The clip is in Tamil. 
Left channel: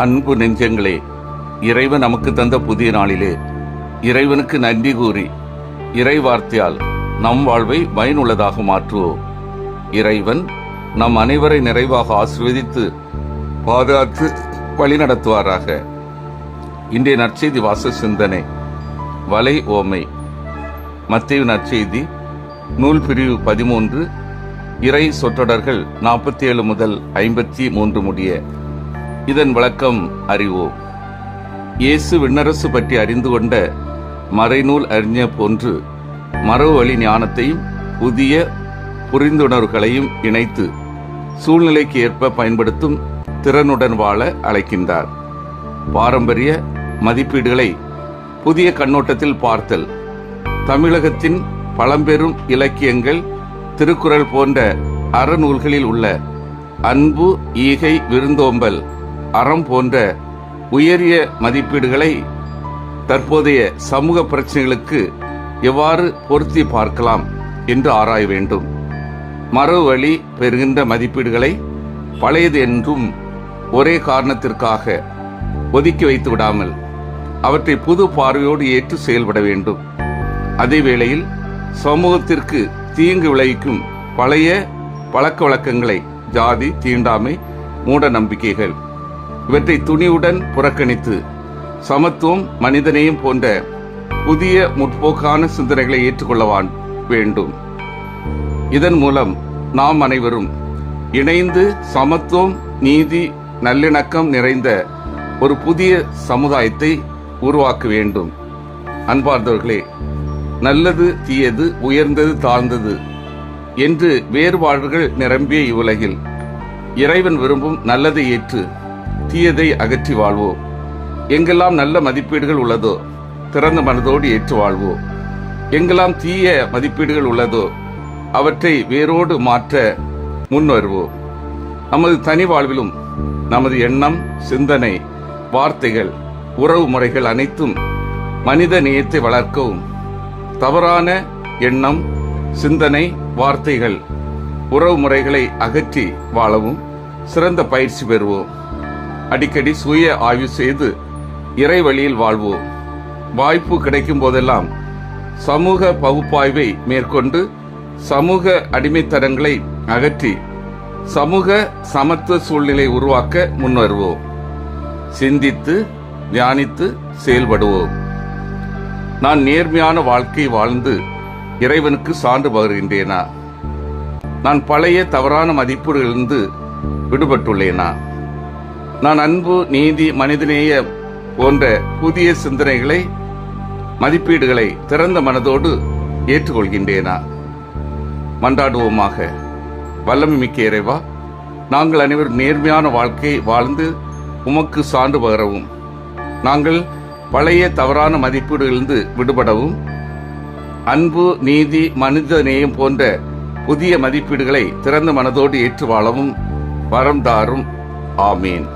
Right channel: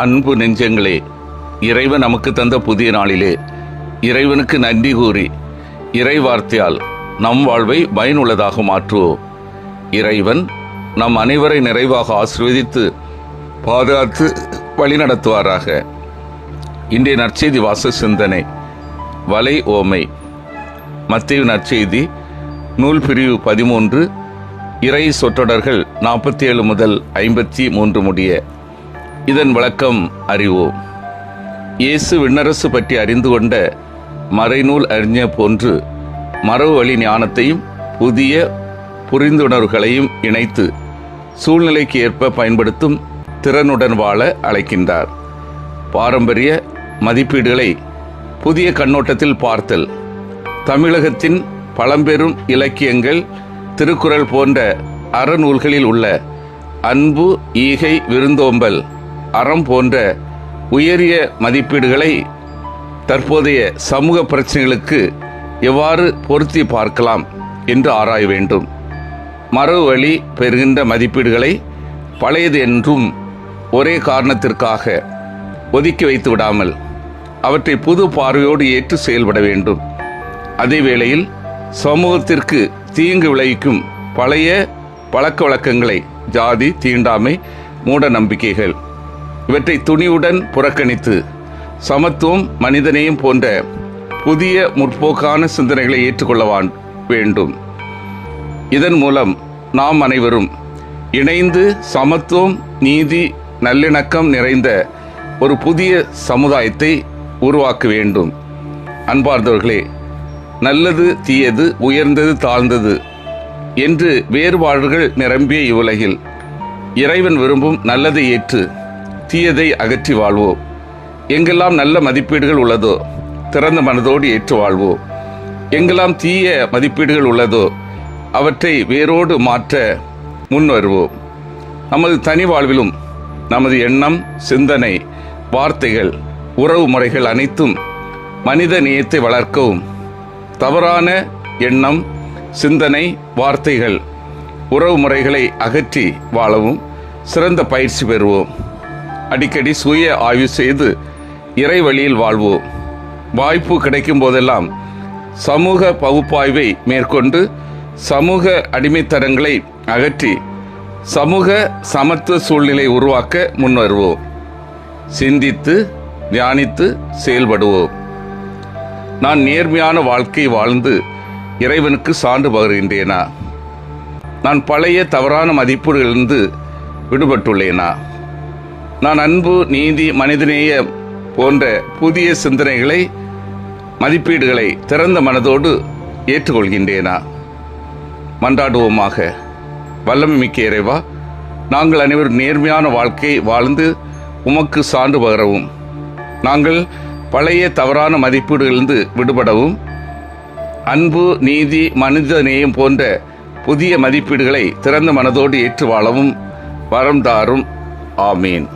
அன்பு நெஞ்சங்களே, இறைவன் நமக்கு தந்த புதிய நாளிலே இறைவனுக்கு நன்றி கூறி இறை வார்த்தையால் நம் வாழ்வை பயனுள்ளதாக மாற்றுவோம். இறைவன் நம் அனைவரை நிறைவாக ஆசீர்வதித்து பாதுகாத்து வழிநடத்துவாராக. இன்றைய நற்செய்தி வாச சிந்தனை வலை ஓமை. மத்தேயு நற்செய்தி நூல் பிரிவு 13, இறை சொற்றொடர்கள் 47 முதல் 53 முடிய. இதன் விளக்கம் அறிவோம். இயேசு விண்ணரசு பற்றி அறிந்து கொண்ட மறைநூல் அறிஞர் போன்று மரபு வழி ஞானத்தையும் புதிய புரிந்துணர்வுகளையும் இணைத்து சூழ்நிலைக்கு ஏற்ப பயன்படுத்தும் திறனுடன் வாழ அழைக்கின்றார். பாரம்பரிய மதிப்பீடுகளை புதிய கண்ணோட்டத்தில் பார்த்தல், தமிழகத்தின் பழம்பெரும் இலக்கியங்கள், திருக்குறள் போன்ற அறநூல்களில் உள்ள அன்பு, ஈகை, விருந்தோம்பல், அறம் போன்ற உயரிய மதிப்பீடுகளை தற்போதைய சமூக பிரச்சனைகளுக்கு எவ்வாறு பொருத்தி பார்க்கலாம் என்று ஆராய வேண்டும். மரபு வழி பெறுகின்ற மதிப்பீடுகளை பழையது என்றும் ஒரே காரணத்திற்காக ஒதுக்கி வைத்து விடாமல் அவற்றை புது பார்வையோடு ஏற்று செயல்பட வேண்டும். அதே வேளையில் சமூகத்திற்கு தீங்கு விளைவிக்கும் பழைய பழக்க வழக்கங்களை, ஜாதி, தீண்டாமை, மூட நம்பிக்கைகள் இவற்றை துணிவுடன் புறக்கணித்து சமத்துவம், மனிதநேயம் போன்ற புதிய முற்போக்கான சிந்தனைகளை ஏற்றுக்கொள்ள வேண்டும். இதன் மூலம் நாம் அனைவரும் இணைந்து சமத்துவம், நீதி, நல்லிணக்கம் நிறைந்த ஒரு புதிய சமுதாயத்தை உருவாக்க வேண்டும். அன்பார்ந்தவர்களே, நல்லது, தீயது, உயர்ந்தது, தாழ்ந்தது என்று வேறுபாடுகள் நிரம்பிய இவ்வுலகில் இறைவன் விரும்பும் நல்லதை ஏற்று தீயதை அகற்றி வாழ்வோம். எங்கெல்லாம் நல்ல மதிப்பீடுகள் உள்ளதோ திறந்த மனதோடு ஏற்று வாழ்வோம். எங்கெல்லாம் தீய மதிப்பீடுகள் உள்ளதோ அவற்றை வேரோடு மாற்ற முன் வருவோம். நமது தனி வாழ்விலும் நமது எண்ணம், சிந்தனை, வார்த்தைகள், உறவு முறைகள் அனைத்தும் மனித நேயத்தை வளர்க்கவும், தவறான எண்ணம், சிந்தனை, வார்த்தைகள், உறவு முறைகளை அகற்றி வாழவும் சிறந்த பயிற்சி பெறுவோம். அடிக்கடி சுய ஆய்வு செய்து இறை வழியில் வாழ்வோம். வாய்ப்பு கிடைக்கும் போதெல்லாம் சமூக பகுப்பாய்வை மேற்கொண்டு சமூக அடிமைத்தனங்களை அகற்றி சமூக சமத்துவ சூழ்நிலை உருவாக்க முன்வருவோம். சிந்தித்து தியானித்து செயல்படுவோம். நான் நேர்மையான வாழ்க்கை வாழ்ந்து இறைவனுக்கு சான்று பகர்கின்றேனா? நான் பழைய தவறான மதிப்பீடுகளிலிருந்து விடுபட்டுள்ளேனா? நான் அன்பு, நீதி, மனிதநேய போன்ற புதிய சிந்தனைகளை, மதிப்பீடுகளை திறந்த மனதோடு ஏற்றுக்கொள்கின்றேனா? மன்றாடுவோமாக. வல்லமை மிக்க இறைவா, நாங்கள் அனைவரும் நேர்மையான வாழ்க்கை வாழ்ந்து உமக்கு சான்று பகரவும், நாங்கள் பழைய தவறான மதிப்பீடுகளிலிருந்து விடுபடவும், அன்பு, நீதி, மனித நேயம் போன்ற புதிய மதிப்பீடுகளை திறந்த மனதோடு ஏற்று வாழவும் வரம் தாரும். ஆமீன்.